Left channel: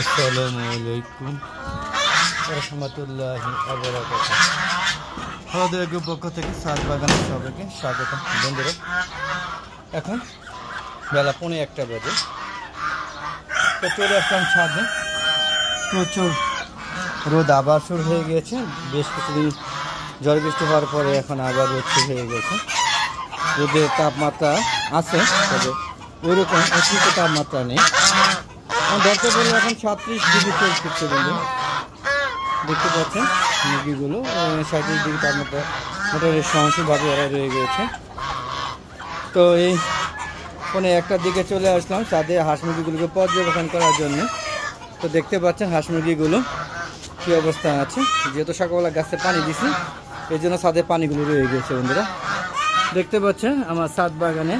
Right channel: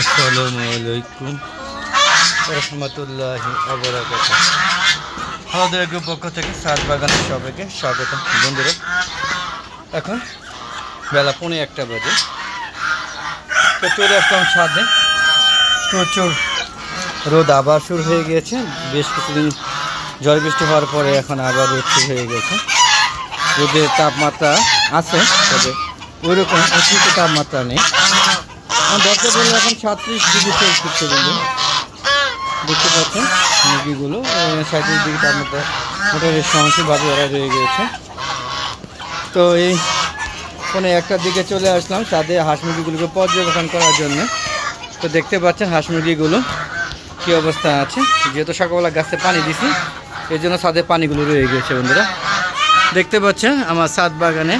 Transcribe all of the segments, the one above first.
আসসালামু আলাইকুম রহমতুল্লাহি ওয়া বারাকাতুহু। আমাদের গ্রুপ পক্ষ থেকে সাত বাগানের সবাইকে স্বাগত। বন্ধুরা, এখন বেলা 1:45 বাজে। তো চলে আসলাম ছাদে। প্রচুর রোদ আবার শুরু হয়ে গিয়েছে। বেশ কিছুদিন ঝড় বৃষ্টি হওয়ার পরে এখন আবার রোদ শুরু হয়ে গেছে। রোদের তাপমাত্রা আছে, তবে ওইরকম অতিরিক্ত তাপমাত্রা নেই। দরকার পড়লে এখন 37 ডিগ্রি সেলসিয়াস পর্যন্ত দেখতে পাচ্ছেন মুরগিগুলো 37 ডিগ্রি তাপমাত্রা মোটামুটি সহনশীলভাবে ওরা রয়ে গিয়েছে। তো এই 1:45 দিকে চলে আসলাম ছাদে হাঁস মুরগিগুলোকে পর্যবেক্ষণ করার জন্য। তো দেখতে পাচ্ছেন হাঁস মুরগিগুলো কী অবস্থা আছে। যেহেতু সকালবেলা গাছে পানি দিছি, এই জন্য ছাদে পানিগুলো রয়ে গিয়েছে। বন্ধুরা দেখতে পাচ্ছেন আমার ছাদ বাগানে,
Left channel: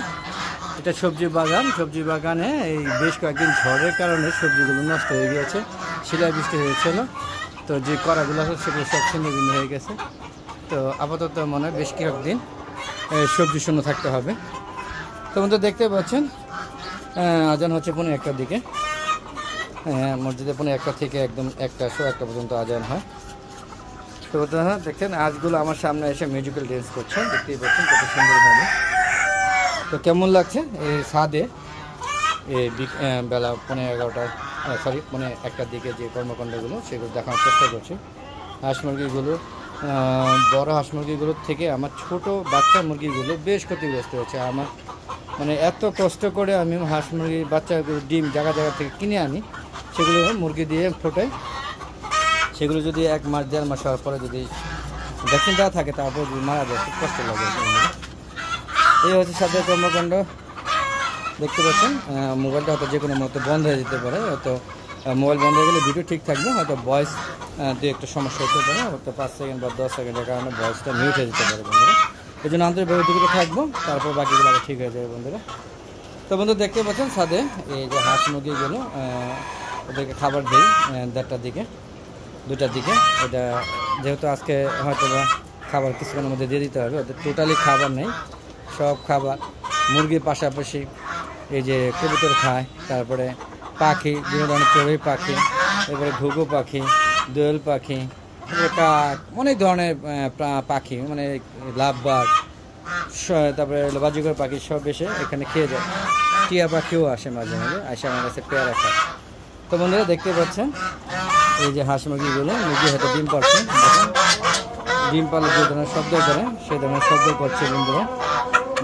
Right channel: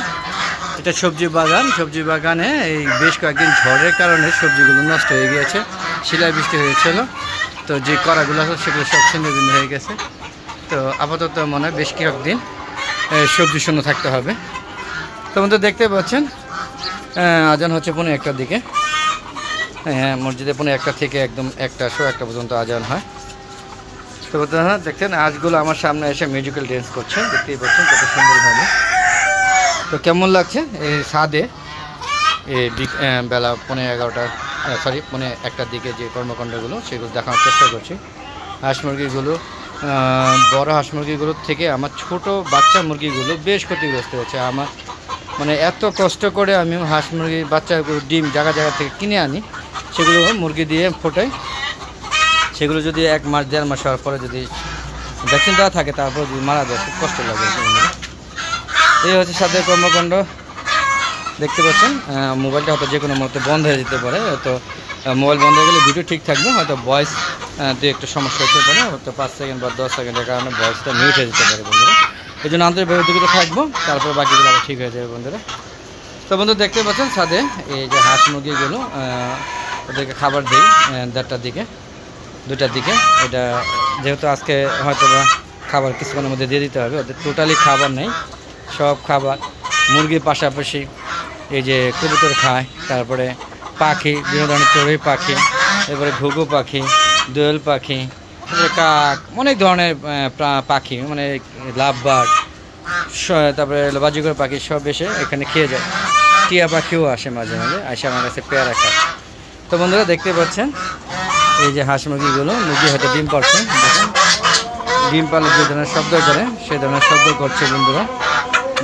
এটা সবজি বাগান। সবজি বাগানে এই বেশ কয়েকদিন ঝড়ের কারণে সবজিগুলো নষ্ট হয়ে গিয়েছে। শিলাবৃষ্টি হয়েছিল, তো যে কড়াগুলো আছে সেগুলো সব ছিন্ন ভিন্ন হয়ে গেছে। তো আপাতত মনে হয় বেশ কয়েকদিন সবজি শূন্য থাকতে হবে। তো বন্ধু দেখতে পাচ্ছেন আজান হচ্ছে 1:45 দিকে। হ্যাঁ, মসজিদে 1:45 থেকে একদম 1:00 পর্যন্ত আজান হয়। তো বন্ধুরা দেখছেন আজগুলো আমার সামনে এসে মিউজিক্যাল ড্যান্স করছে, দেখতেই পাচ্ছেন কত সুন্দরভাবে। তো কেমন লাগছে এই ছাদে বেলা 1:15 দিকে যে কর্মকাণ্ডগুলো সেগুলো দেখানোর চেষ্টা করছি। হাঁস মুরগিগুলো, বড় হাঁস মুরগিগুলোর থেকে আমার ছোট বাচ্চা মুরগিগুলো বেশ ক্ষতিগ্রস্ত হয়েছে। আমার মানে এত কষ্ট করে আমি হাঁস মুরগির বাচ্চাগুলো ডিম জায়গা থেকে কিনে আনি, সেগুলো মুরগি দিয়ে ফোটাই। সেগুলো যদি 1 মাস 1.5 মাস হওয়ার পরে যদি ভ্যাকসিন দেওয়া থাকে, তারপর যদি মারা যায় খুব কষ্ট লাগে। এই হচ্ছে সাথে কর্মকাণ্ড। দেখতে পাচ্ছেন মোবাইলটা হয়তো যে কোনো মুহূর্তে বন্ধ হয়ে যেতে পারে। হয়তো মোবাইল বন্ধ হয়ে গেলে ভিডিও ঠিক থাকবে, হয়তো ভয়েস দিয়ে একটু সমস্যা হতে পারে, হয়তো 5 সেকেন্ড বা 10 সেকেন্ডের কারণে ভয়েসটা মিউট হয়ে যেতে পারে। বন্ধুরা এই জন্য আন্তরিকভাবে দুঃখিত থাকবো, তারপর বাকিগুলো আবার ঠিক হয়ে যাবে। বন্ধুরা তো বন্ধু দেখতে পাচ্ছেন ছাদে এই যে হাঁস মুরগিগুলো, ওদেরকে খাবার দিই 1:30 দিকে 2টার দিকে। এটা যেহেতু আজকে হয়তো বা খাবার কিছুক্ষণের মধ্যে দিয়ে দিতে হবে। ওদের টোটালি খাবার নেই, সব খাবার মুরগির পাশাপাশি এই যে কবুতর খায়, তারপরে পাখি, বিভিন্ন ধরনের চড়ুই পাখি, এরপরে ঘুঘু পাখি, দোয়েল পাখি, তারপরে কাক, অনেক ধরনের পাখি, মানে লাভ বার্ড, তারপরে বাজিকর পাখি সব এসে এখানে খেয়ে যায়। টিয়া পাখিও আসে মাঝে মাঝে, আসে আমার কাছে পেয়ারা খায়। তো বন্ধুরা দেখতে পাচ্ছেন এই যে হাঁস মুরগিগুলো, মুরগি হয়তো ডিম পাড়ছে। দেখেন ডিম পাড়লে যে ধরনের শব্দ করে সেই ধরনের শব্দ করছে। বন্ধুরা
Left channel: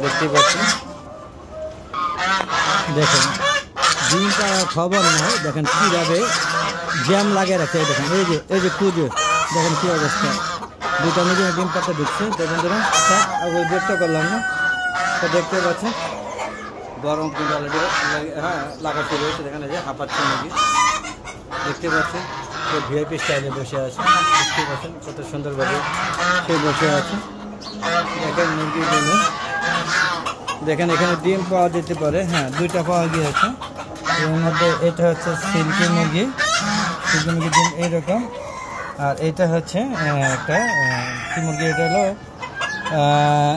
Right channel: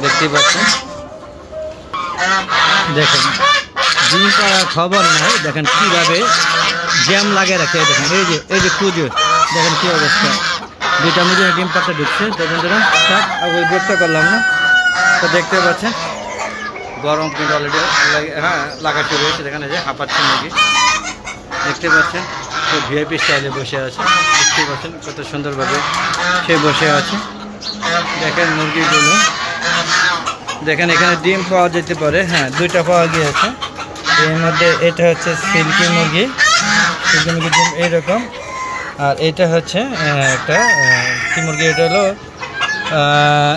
দেখতেই পাচ্ছেন, দেখেন ডিম পাড়ার খবর নাই, দেখেন কীভাবে জ্যাম লাগিয়ে রাখে। দেখেন এই যে কুজো, দেখেন কী অবস্থা। 2টা মুরগি ডিম পাড়তে ঢুকছে। তো বন্ধুরা থাক আর ওই ব্যক্ত করলাম না। তো দেখতে পাচ্ছেন গরম কিন্তু অলরেডি লাগা শুরু হয়েছে। দেখেন এই যে হাঁপাচ্ছে মুরগি, দেখতে পাচ্ছেন তো ভিআইপি স্টাইলে বসে আছে। দেখতে পাচ্ছেন কত সুন্দরভাবে সে বসে আছে। দেখেন মুরগিগুলো, দেখেন এখানে ডিম পাওয়া যেতে পারে। হ্যাঁ, 2টা পাওয়া গিয়েছে। এর মধ্যে এটা হচ্ছে সিল্কি মুরগি ডিম এইরকম। আর এটা হচ্ছে একটা কি মুরগি, এটা হলো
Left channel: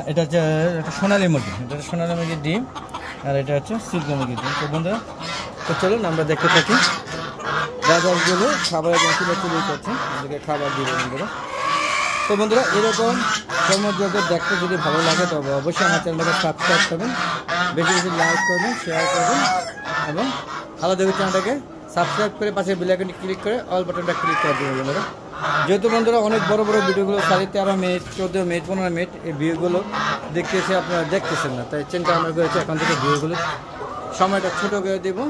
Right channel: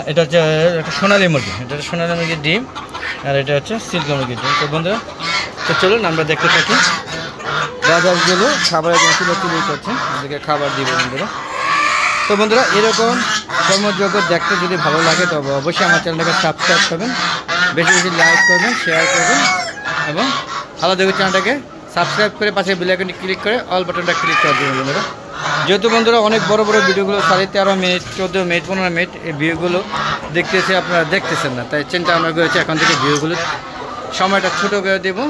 এটা হচ্ছে একটা সোনালি মুরগি। এটা সোনালি মুরগির ডিম, আর এটা হচ্ছে সিল্কি মুরগির ডিম। তো বন্ধুরা তো চলুন আমরা দেখতে থাকি। বাজারগুলো খাবারের জন্য তুলে করছে, ওদেরকে খাবার দিব বন্ধুরা। তো বন্ধুরা এরকম কর্মযোগ্য দেখতে যদি ভালো লাগে তবে অবশ্যই আমার চ্যানেলটাকে সাবস্ক্রাইব করবেন, বেশি বেশি লাইক করবেন, শেয়ার করবেন, এবং ভালো দেখে চ্যানেলটাকে সাবস্ক্রাইব করে পাশে বেল আইকনটি ক্লিক করে অল বাটনটা ক্লিক করে দেবেন বন্ধুরা। যেহেতু বন্ধুরা অনেক বড় ভিডিওগুলো 13.5 মিনিট, 14 মিনিট, 15 মিনিট এই ভিডিওগুলো দেখতেছে, আপনারা দেখতেছেন না, তাই চিন্তা আমরা করেছি এখন থেকে ভিডিওগুলো সময়টা ছোট করে দেবো।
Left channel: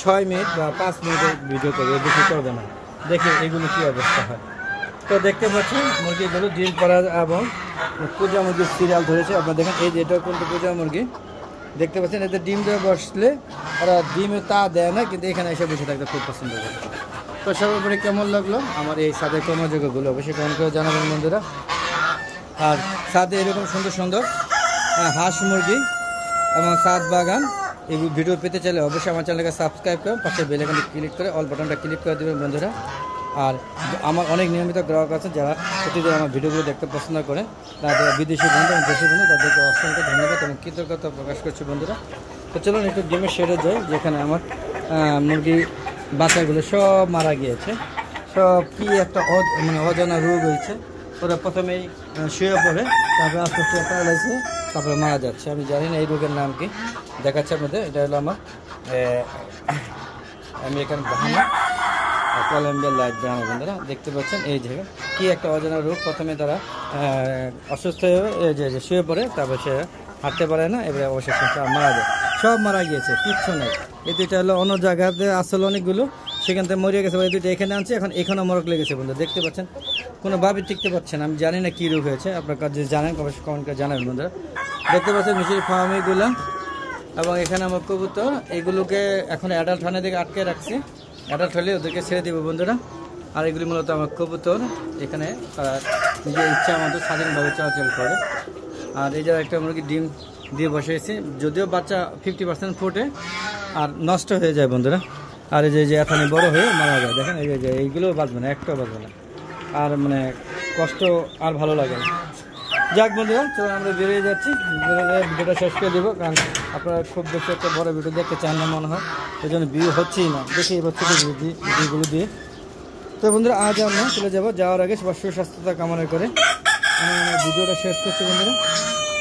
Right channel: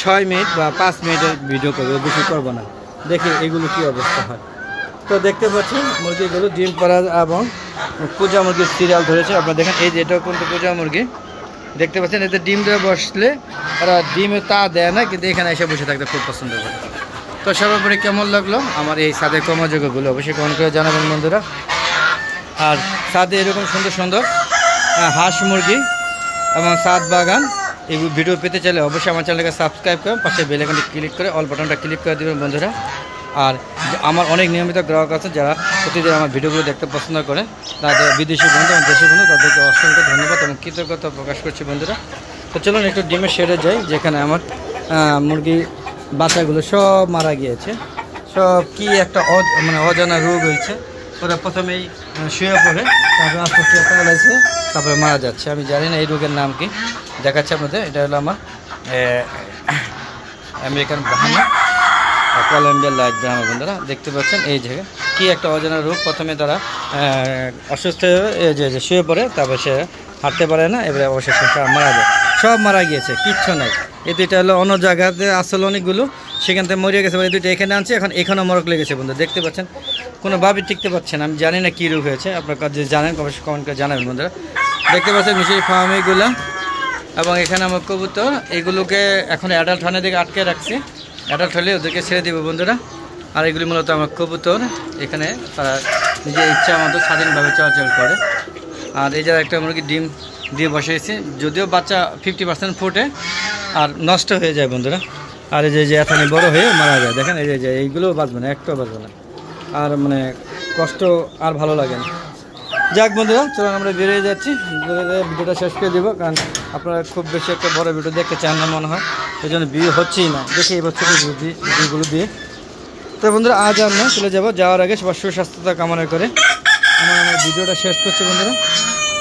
6 মিনিট বা 5 মিনিটের ভিডিও করবো, বেশি করবো না। দেখি এগুলো কি অবস্থা হয়। তো দেখতে পাচ্ছেন মুরগিগুলো ডিম পাড়া এবং পূজা মুরগির সিরিয়াল ধরেছে। আপনারা দেখেন এই যে এটাও কিন্তু পূজা মুরগি। দেখতে পাচ্ছেন এতে ডিম দিয়ে বসলে ওরা ডিমে তা দেয় না, কিন্তু এখানে এসে বসে থাকতে খুব পছন্দ করে। তো সর্বোপরি কেমন লাগলো আমার এই ছাদের কর্মযোগ্যগুলো অবশ্যই কমেন্ট করে জানাবেন বন্ধুরা। আর ছাদে এরকম সুন্দর সুন্দর হাঁস মুরগি এবং ছাদ বাগান এই ভিডিও পেতে চাইলে অবশ্যই আমার চ্যানেলকে সাবস্ক্রাইব করুন, পাশে বেল আইকনটি ক্লিক করে অল বাটনটা ক্লিক করে দেবেন বন্ধুরা। আর আমার অনেক নিয়মিত গ্রাহক আছে যারা প্রতিদিন আমার ভিডিওগুলো দেখতে পছন্দ করে, তাদের বিদেশি বন্ধু এবং দেশি বন্ধু, তাদেরকে অসংখ্য ধন্যবাদ এবং কৃতজ্ঞতা প্রকাশ করছি বন্ধুরা। তো চলুন একটু ডিমের শেডে যাই, যেখানে আমার মুরগি বাচ্চাগুলো সব মারা গিয়েছে। সব কি একটা মানে অজানা রোগ হয়েছে। ওরা প্রথমেই শুয়ে পড়ে, তারপরে আস্তে আস্তে প্যারালাইসে, তারপরে মারা যাচ্ছে। আমি জানি না এই রোগের নাম কি, দেখাচ্ছে আপনাদের। এটা হলো আমার আমেরিকান ব্রাহ্মা, কলম্বিয়ার লাইট ব্রাহ্মা। বন্ধুরা দেখতে পাচ্ছেন এই জায়গায় কি একটা অজানা রোগ। প্রথমে তারা অসুস্থ হয়ে যে শুয়ে পড়ে, তারপর সে হাঁটতে পারে না, এবারে অবশেষে মারা যায়। সব মারা গিয়েছে, কিচ্ছু নাই। এই দুইটা হলো অন্য জায়গাতে আসলে অনেকগুলো, সেখান থেকে মরে গেছে। এই দুইটা এখানে আনছে, এখন এখানেও মরক লেগেছে। বন্ধু দেখতে পাচ্ছেন কোনোভাবেই টিকতে পারছে না। আমি জানি না কী রোগ হয়েছে, আপনার কাছে জানেন অবশ্যই কমেন্ট করে জানাবেন। বন্ধুরা দেখতে পাচ্ছেন মিশরি ফার্ম এইগুলো, এবং এখানে আমার কবুতর এগুলোকে এখন অ্যাডাল্ট হানের দিকে আটকে রাখছি। অ্যাডাল্ট হলে ওদেরকে ছেড়ে দেবো বন্ধুরা। আর এগুলি মূলত আমার কবুতর, এখানে তারা নিজের ইচ্ছা মতো স্বাধীনভাবে চলাচল করে। আর এই যারা একটা মুরগি ডিম দিয়ে বসেছি, যদিও বাচ্চা 50% ফুটে আর নষ্ট হয়ে যায় বন্ধুরা। আর এই যে এখানে বড় হয়ে মারা যায়, দেখেন এই যে এইগুলো বাঁচবে না, একটাও বাঁচবে না। আর মানে কষ্ট আর ভালো লাগে না। যাক বন্ধুরা, চলুন আমরা বেরিয়ে যাচ্ছি, ভিডিওটা শেষ করে দেবো, কারণ আপনারা খুব বেশি একটা বড় ভিডিও দেখতে চান না মনে হয়, এই জন্য ভিউ হচ্ছেই না। দেখি এবার ছোটো ভিডিওগুলো দিয়ে। তো বন্ধুরা আজ আমরা চলে যাবো, যাওয়ার আগে সবার সুস্বাস্থ্যতা কামনা করে আমার ভিডিওটা শেষ করছি। বন্ধুরা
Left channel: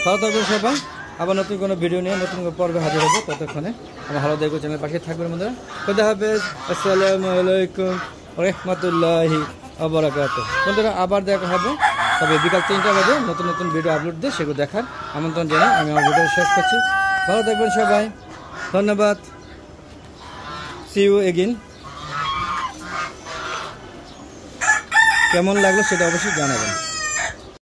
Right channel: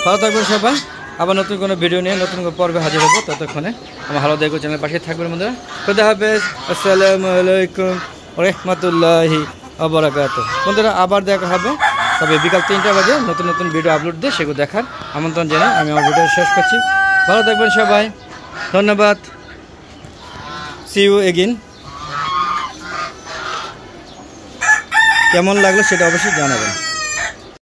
ভালো থাকবেন সবাই, আবার নতুন কোনো ভিডিও নিয়ে নতুন কোনো পর্বে হাজির হবো। ততক্ষণে আমার ভালো দেখো চ্যানেলের পাশে থাকবেন বন্ধুরা। খুদা হাফেজ, আসসালামু আলাইকুম রহমতুল্লাহি ওয়া বারাকাতুহু। বন্ধুরা আবার দেখা হবে, তবে বিকাল 3টা বাজে নতুন নতুন ভিডিও আপলোড দিয়ে সেগুলো দেখার আমন্ত্রণ জানিয়ে আমি আমার ভিডিও শেষ করছি। ভালো থাকবেন সবাই, ধন্যবাদ। See you again. কেমন লাগলো সেটা অবশ্যই জানাবেন।